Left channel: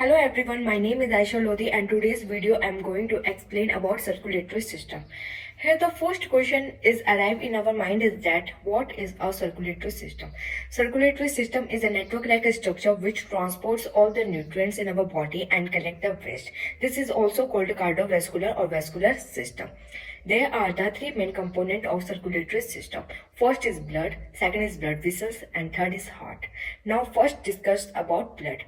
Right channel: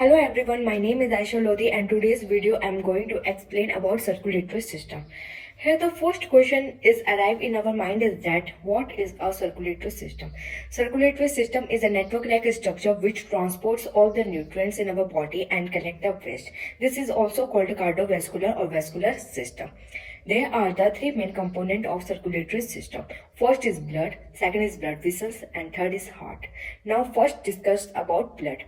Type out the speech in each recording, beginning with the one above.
Hello everyone, my name is Aisha Lodi and today's video I am going to explain about circulatory system. Here the first question is arrive in our mind is that what is a circulatory system? Circulatory system is a network-like structure which transports all the nutrients in our body and collect the waste. This is also called cardiovascular or vascular system. There are the three main components of circulatory system. First is blood, second is blood vessels and third is heart. Now first discuss about blood.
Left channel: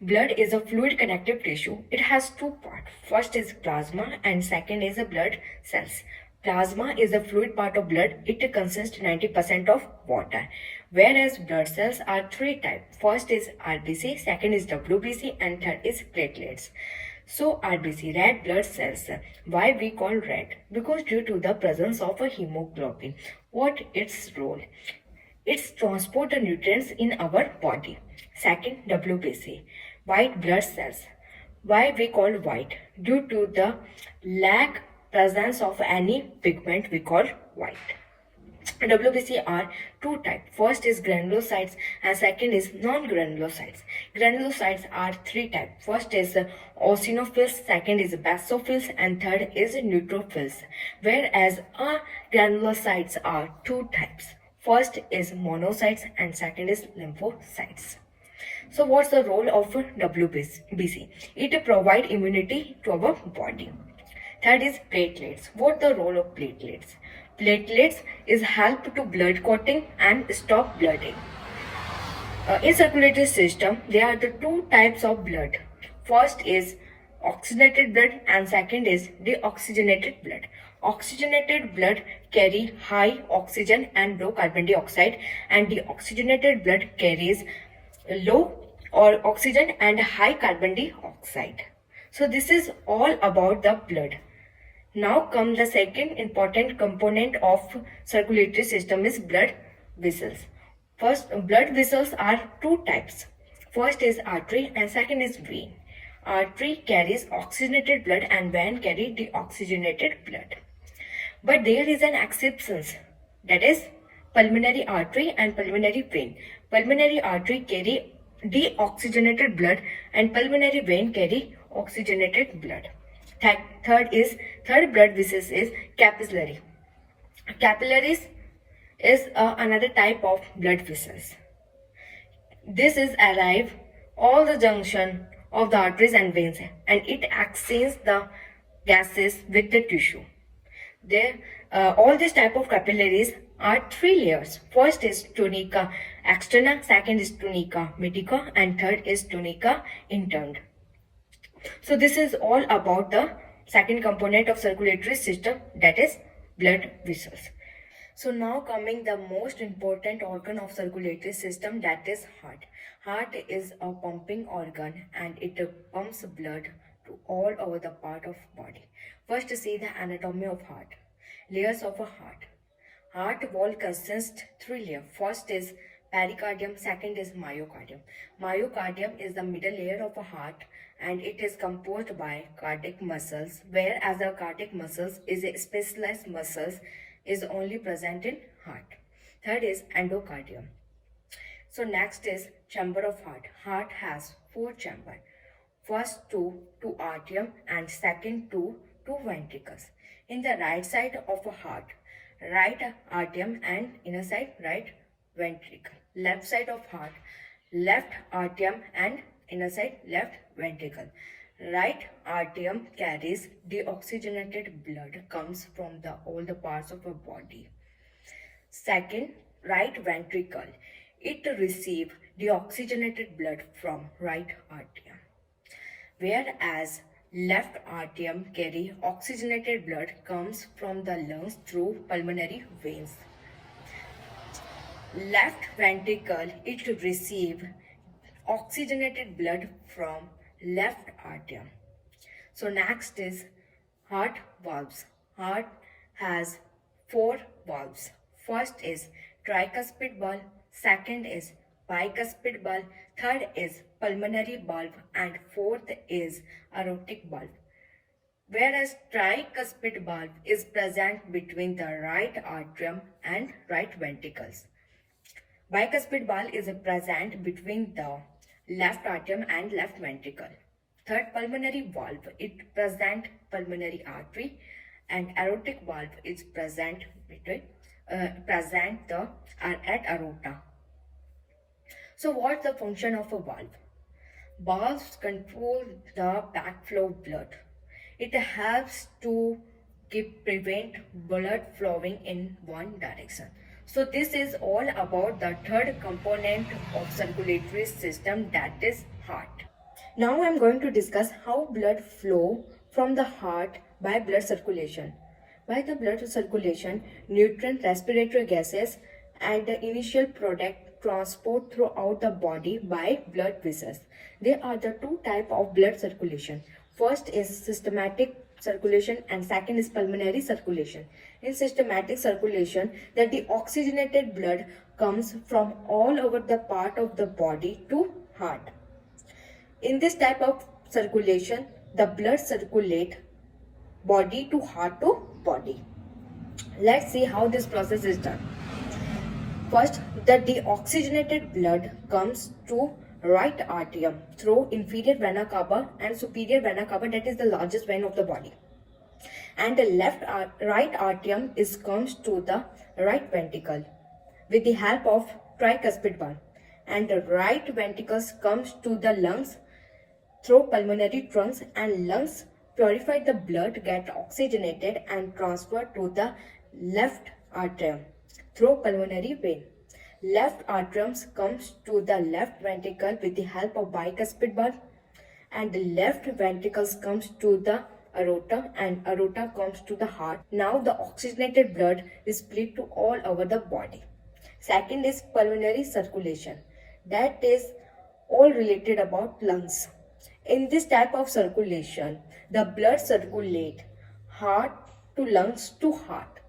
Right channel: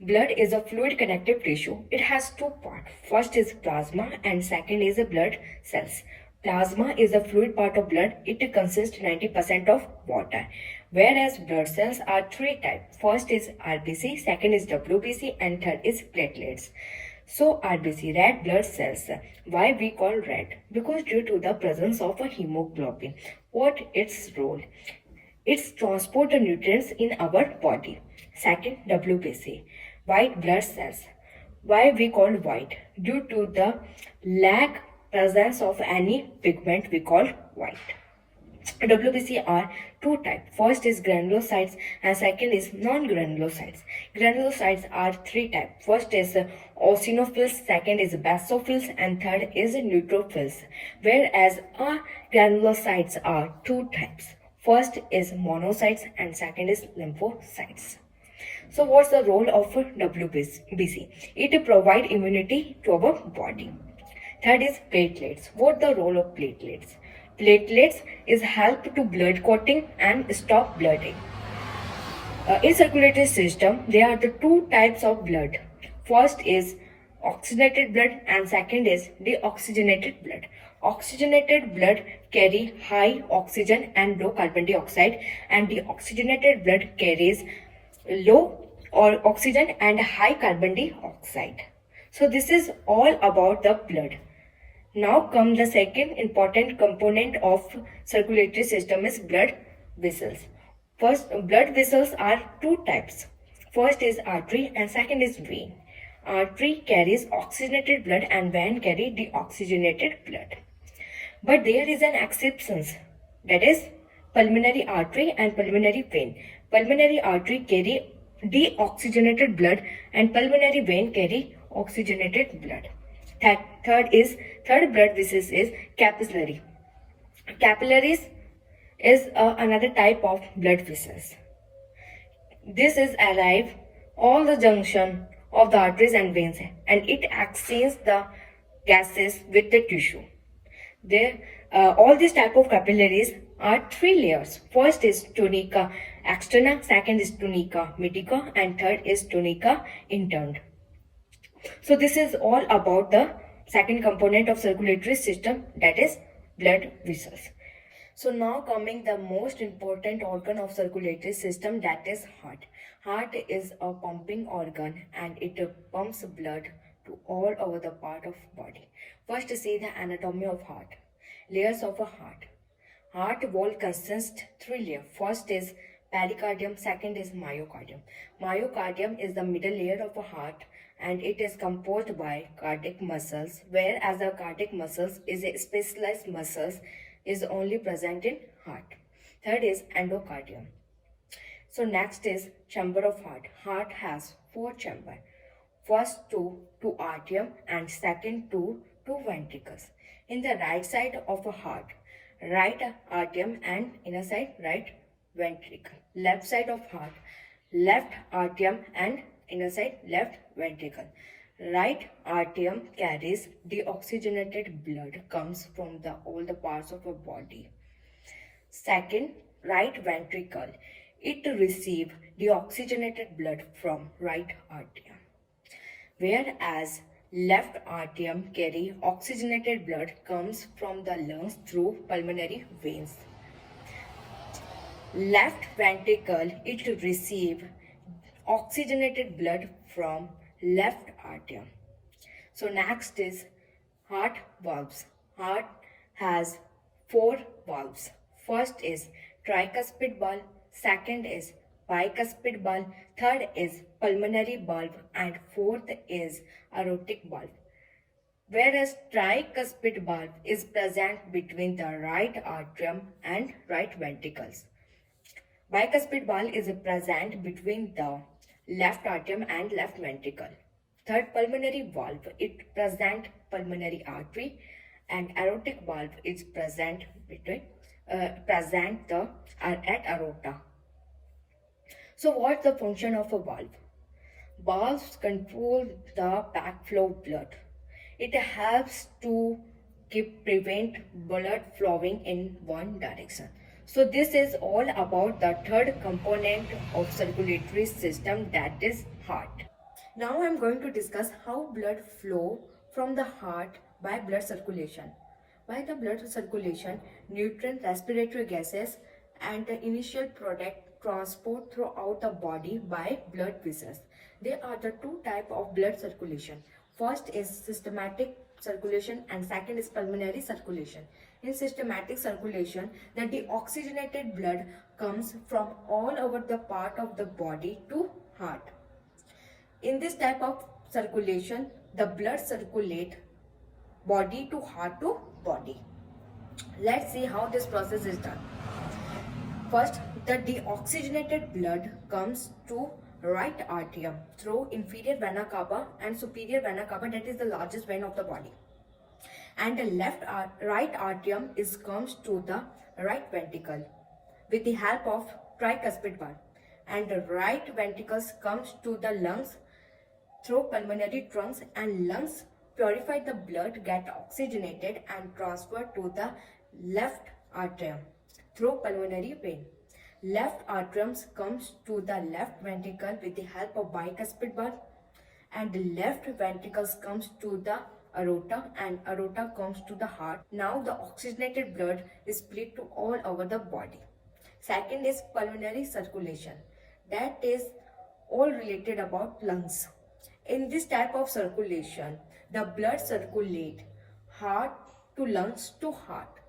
Blood is a fluid connective tissue. It has two parts. First is plasma and second is the blood cells. Plasma is the fluid part of blood. It consists 90% of water. Whereas blood cells are three types. First is RBC, second is WBC and third is platelets. So RBC, red blood cells. Why we call red? Because due to the presence of a hemoglobin. What its role? It's transport the nutrients in our body. Second, WBC, white blood cells. Why we call white? Due to the lack presence of any pigment we call white. WBC are two types. First is granulocytes and second is non-granulocytes. Granulocytes are three types. First is eosinophils, second is basophils and third is neutrophils. Whereas granulocytes are two types. First is monocytes and second is lymphocytes. So what's the role of WBC? It provides immunity to our body. Third is platelets. What the role of platelets? Platelets is help to blood clotting and stop blooding. In circulatory system, there are the two types of blood. First is oxygenated blood and second is deoxygenated blood. Oxygenated blood carry high oxygen and low carbon dioxide and deoxygenated blood carries low or oxygen and high carbon dioxide. So this is all about the blood. Now come the second important component of circulatory system is blood vessels. First, blood vessels are two types. First is artery and second is vein. Artery carries oxygenated blood and vein carry deoxygenated blood. But there is an exception, that is pulmonary artery and pulmonary vein. Pulmonary artery carry deoxygenated blood and pulmonary vein carry oxygenated blood. Third blood vessels is capillary. Capillaries is another type of blood vessels. This is arrive all the junction of the arteries and veins and it exchanges the gases with the tissue. All these type of capillaries are three layers. First is tunica externa, second is tunica medica and third is tunica interna. So this is all about the second component of circulatory system, that is blood vessels. So now coming the most important organ of circulatory system, that is heart. Heart is a pumping organ and it pumps blood to all over the part of body. First see the anatomy of heart. Layers of a heart. Heart wall consists three layers. First is pericardium, second is myocardium. Myocardium is the middle layer of a heart and it is composed by cardiac muscles, whereas the cardiac muscles is a specialized muscles is only present in heart. Third is endocardium. So next is chamber of heart. Heart has four chambers. First two to atrium and second two to ventricles. In the right side of a heart, right atrium and inner side right ventricle. Left side of heart, left atrium and inner side left ventricle. Right atrium carries deoxygenated blood, comes from all the parts of our body. Second, right ventricle, it receives deoxygenated blood from right atrium. Whereas left atrium carry oxygenated blood, comes from the lungs through pulmonary veins. Left ventricle, it receive oxygenated blood from left atrium. So next is heart valves. Heart has four valves. First is tricuspid valve, second is bicuspid valve, third is pulmonary valve and fourth is aortic valve. Whereas tricuspid valve is present between the right atrium and right ventricles. Bicuspid valve is present between the left atrium and left ventricle. Third, pulmonary valve. It present pulmonary artery, and aortic valve is present at aorta. So what's the function of a valve? Valves control the backflow of blood. It helps to prevent blood flowing in one direction. So this is all about the third component of circulatory system, that is heart. Now I am going to discuss how blood flow from the heart by blood circulation. By the blood circulation, nutrient, respiratory gases and the initial product transport throughout the body by blood vessels. There are the two types of blood circulation. First is systematic circulation and second is pulmonary circulation. In systematic circulation, the deoxygenated blood comes from all over the part of the body to heart. In this type of circulation, the blood circulate body to heart to body. Let's see how this process is done. First, the deoxygenated blood comes to right atrium through inferior vena cava and superior vena cava, that is the largest vein of the body. And the right atrium comes to the right ventricle with the help of tricuspid valve. And the right ventricles comes to the lungs through pulmonary trunks, and lungs purify the blood, get oxygenated and transferred to the left atrium through pulmonary vein. Left atrium comes to the left ventricle with the help of bicuspid valve, and the left ventricles comes to the aorta, and aorta comes to the heart. Now the oxygenated blood is split to all over the body. Second is pulmonary circulation, that is all related about lungs. In this type of circulation, the blood circulate heart to lungs to heart.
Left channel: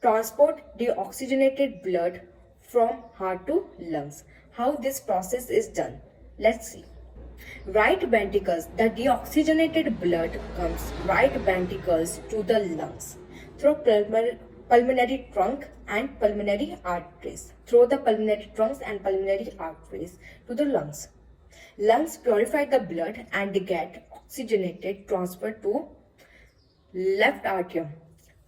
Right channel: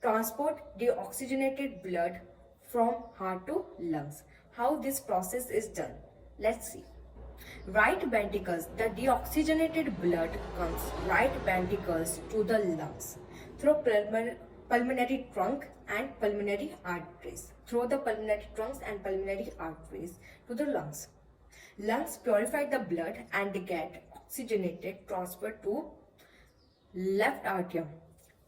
Transport deoxygenated blood from heart to lungs. How this process is done? Let's see. Right ventricles, the deoxygenated blood comes right ventricles to the lungs through pulmonary trunk and pulmonary arteries. Through the pulmonary trunks and pulmonary arteries to the lungs. Lungs purify the blood and get oxygenated, transferred to left atrium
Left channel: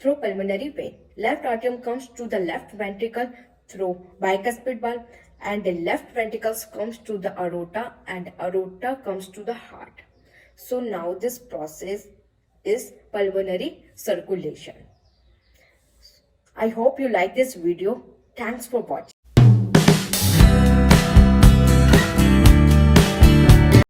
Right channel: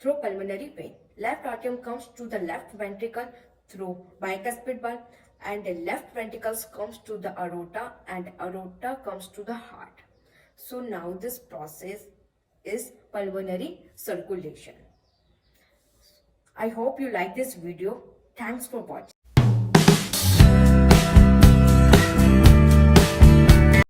through pulmonary vein. Left atrium comes to the left ventricle through bicuspid valve, and the left ventricles comes to the aorta, and aorta comes to the heart. So now this process is pulmonary circulation. I hope you like this video. Thanks for watching.